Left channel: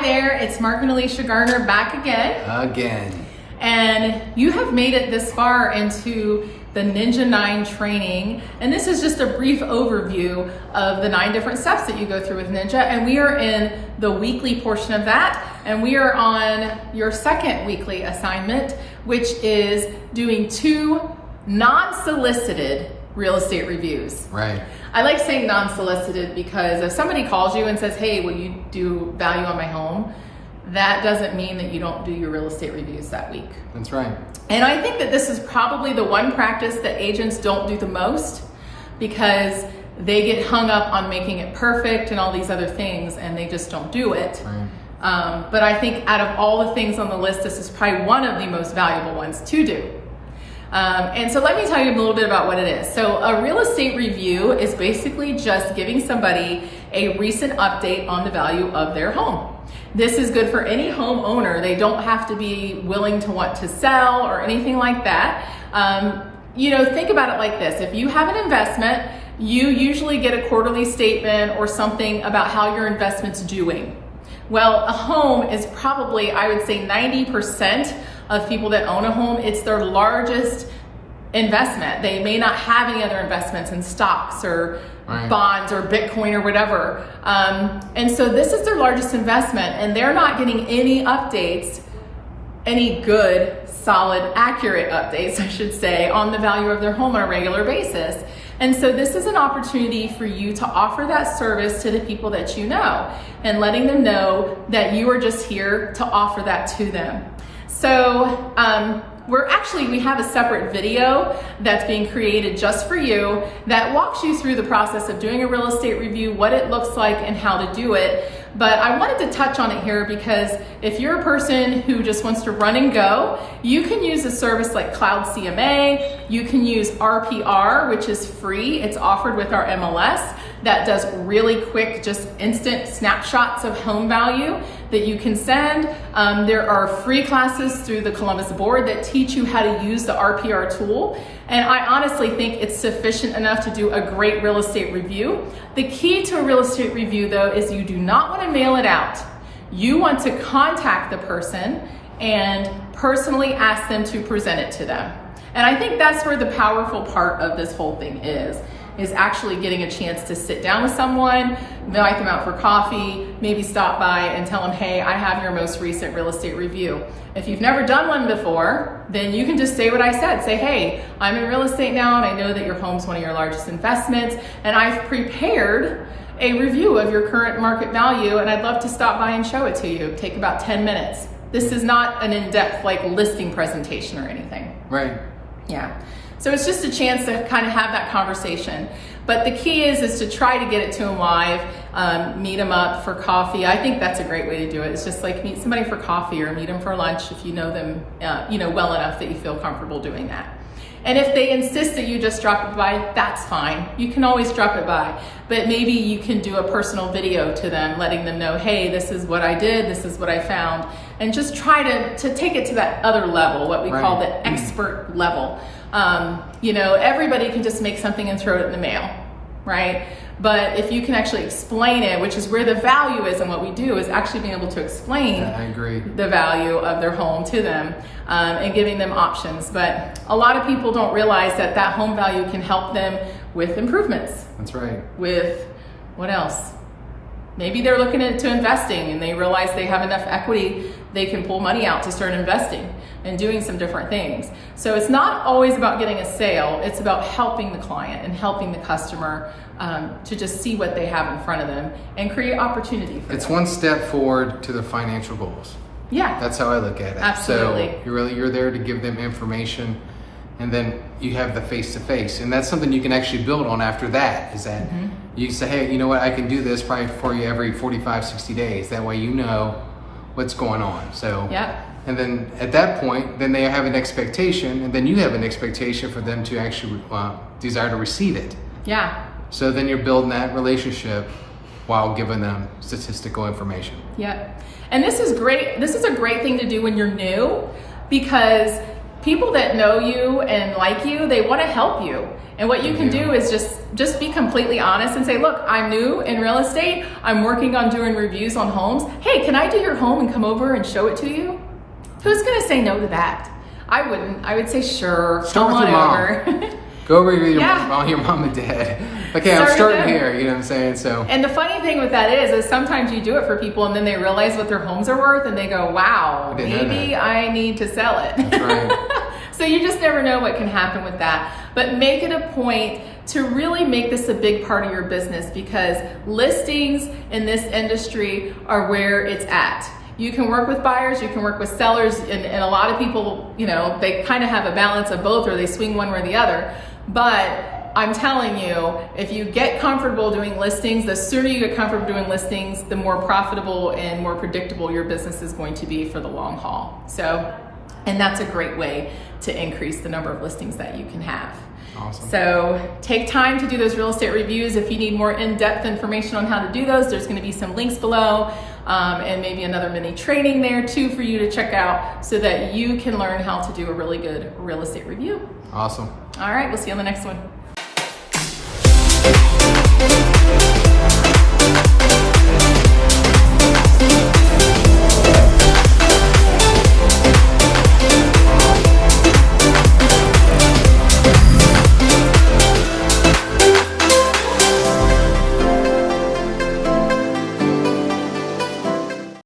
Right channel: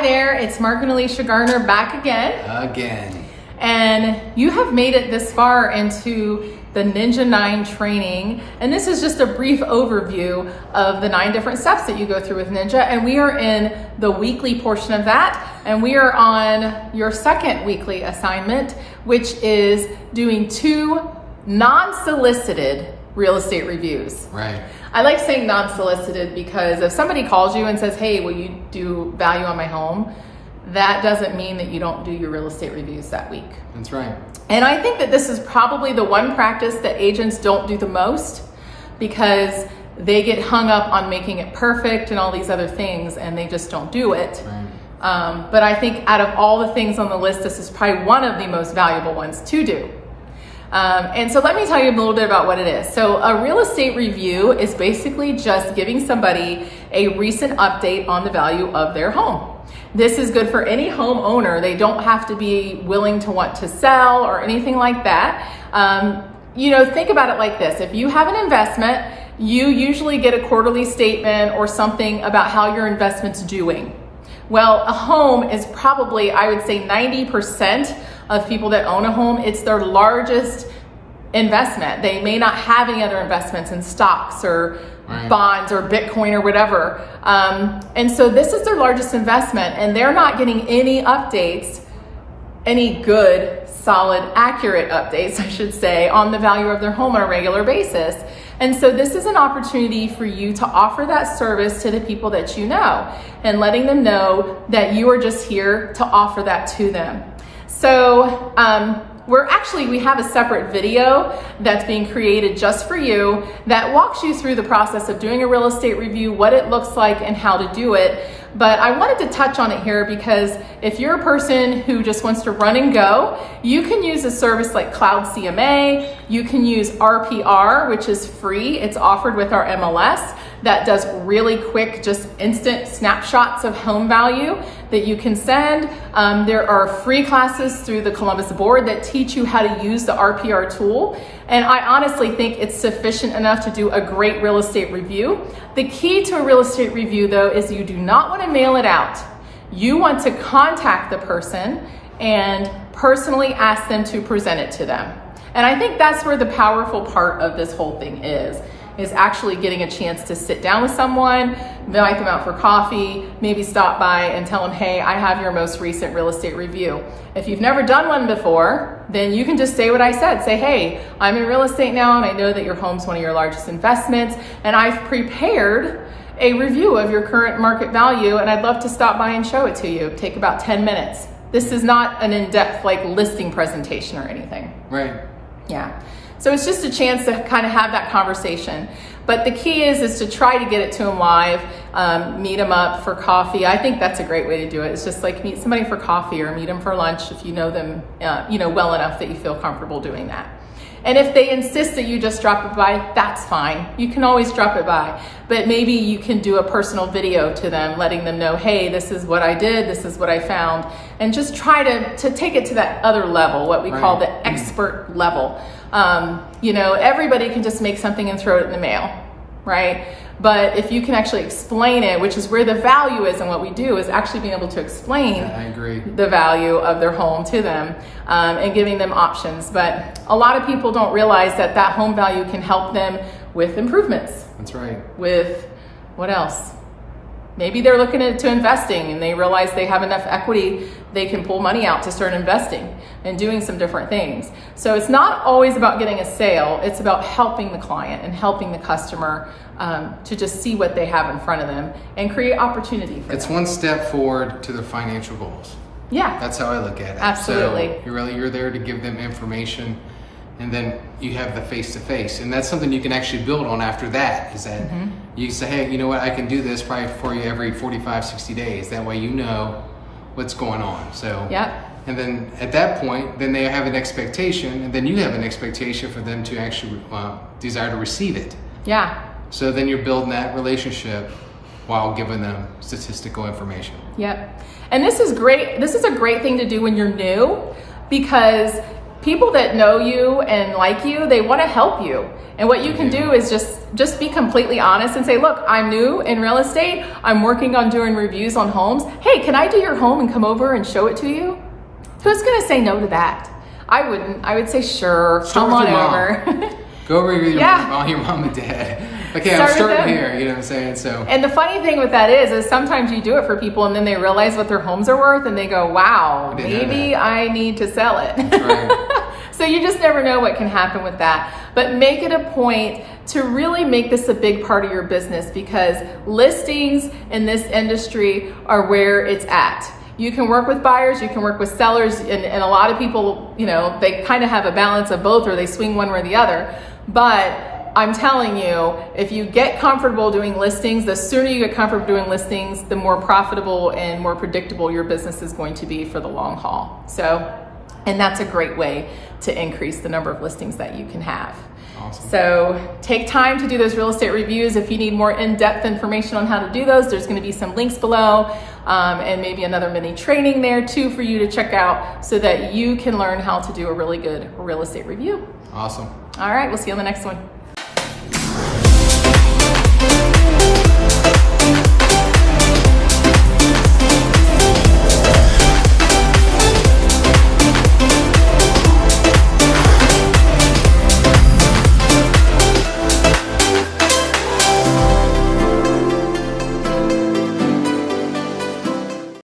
Hi there, it's Mark and Alicia Garner back again. And you have made it this far into the Ninja 9 training. And this is just a brief overview of the 9 different steps that you go through with Ninja. And we are in the weekly portion of that. And we are on your second weekly assignment, which is doing 2 non-solicited real estate reviews. Right. I like saying non-solicited because if somebody calls you and says, hey, will you do value on my home? That doesn't mean that you don't do your real estate reviews that week. That's right. And I think that this is probably the one practice that agents don't do the most because they get hung up on making it perfect and all these other things and they just don't do it. Right. But I think out of all the things on the list, this is probably one of the most valuable ones to do. And so let me tell you a little bit about what it is. So a real estate review is basically just giving somebody a recent update on the value of their home. This is good for any homeowner. They don't have to be willing to want to sell or anything like that. Think about it like this. If you have an investment, you usually get a quarterly statement or something about how your investment's doing. Well, a home is probably, I would say 90% of people that own a home, it's their largest investment. They may not have any other investments in stocks or bonds or Bitcoin or whatever. And so this is their largest investment and they're not getting any updates, any good, solid, accurate updates, I should say, on the value of their home on a regular basis. And so this is an opportunity for you to offer that service to the people that you know and letting them know that you are just here to offer that to them. So we have a separate video that's being created just for you that walks you through the process of doing a real estate review, what it looks like and how to do it. But I wanted to touch on it here because if you're a person who just wants to run and go, you can use a service like Cloud CMA. You can use RPR, which is free. It's offered with our MLS that does really quick, just instant snapshots of home value that you can send. There are free classes through the Columbus Board that teach you how to use the RPR tool. And I honestly think it's sufficient enough to do a great real estate review. The key to a real estate review though is you do not want to mail it out. You want to contact the person and personally ask them to present it to them. And I think that's where the powerful part of this whole thing is actually getting a chance to sit down with someone, invite them out for coffee, maybe stop by and tell them, hey, I have your most recent real estate review. If you've never done one before, then you can just say what I said. Say, hey, I'm in real estate now and I know that your home's one of your largest investments and I've prepared a review of your current market value and I'd love to stop by and show it to you. Take about 10 minutes. This is not an in-depth listing presentation or anything. Right. Yeah. So it's just a chance to kind of have that conversation. But the key is to try to get it to them live, meet them up for coffee. I think that's a great way to do it. It's just like meet somebody for coffee or meet them for lunch if you know them well enough that you feel comfortable doing that. And if they insist that you just drop it by, that's fine. You can always drop it by. But maybe you can do a personal video to them, letting them know, hey, this is what I did, this is what I found. And just try to take it to that other level, what we call the expert level. Everybody can just make something and throw it in the mail, right? But if you can actually explain it, which is where the value is and what we do is actually being able to explain the value of their home to them and giving them options. But a lot of people don't realize that home value can help them with improvements. That's right. With what else? Maybe they're looking into investing and they realize they have enough equity, they can pull money out to start investing and doing some different things. So it's not always about getting a sale, it's about helping the client and helping the customer to just see what they have in front of them and create opportunity for them. It's one step forward to their financial goals. Yeah. That's how I look at it. Absolutely. So you're there to give them information and then you have the face-to-face. And that's something you can actually build on after that, is that you can say, hey, you know what, I can do this probably for you every 45, 60 days. That way you know what's going on. So, and then at that point, then they have an expectation and then you have an expectation for them to actually desire to receive it. Yeah. So then you're building that relationship while giving them statistical information. Yep. And this is great. This is a great thing to do when you're new because people that know you and like you, they want to help you. And what you can do is just be completely honest and say, look, I'm new in real estate. I'm working on doing reviews on homes. Hey, can I do your home and come over and show it to you? Who's going to say no to that? I wouldn't. I would say, sure. Start with your mom. Go over with your mom and dad. Okay, I'm starting here, you know what I'm saying? So. And the funny thing with that is sometimes you do it for people and then they realize what their homes are worth and they go, wow, maybe I need to sell it. That's right. So you just never know what can happen with that. But make it a point to really make this a big part of your business, because listings in this industry are where it's at. You can work with buyers, you can work with sellers, and a lot of people, you know, they kind of have a balance of both, or they swing one way or the other. But I'm telling you, if you get comfortable doing listings, the sooner you get comfortable doing listings, the more profitable and more predictable your business is going to be for the long haul. So, and that's a great way to increase the number of listings that you can have. Awesome. So take time to do those real estate reviews. If you need more in-depth information on how to do those, there's going to be some links below, and maybe another mini training there too for you to check out so that you can learn how to do a really good real estate review. Awesome. All right, we'll see you on the next one.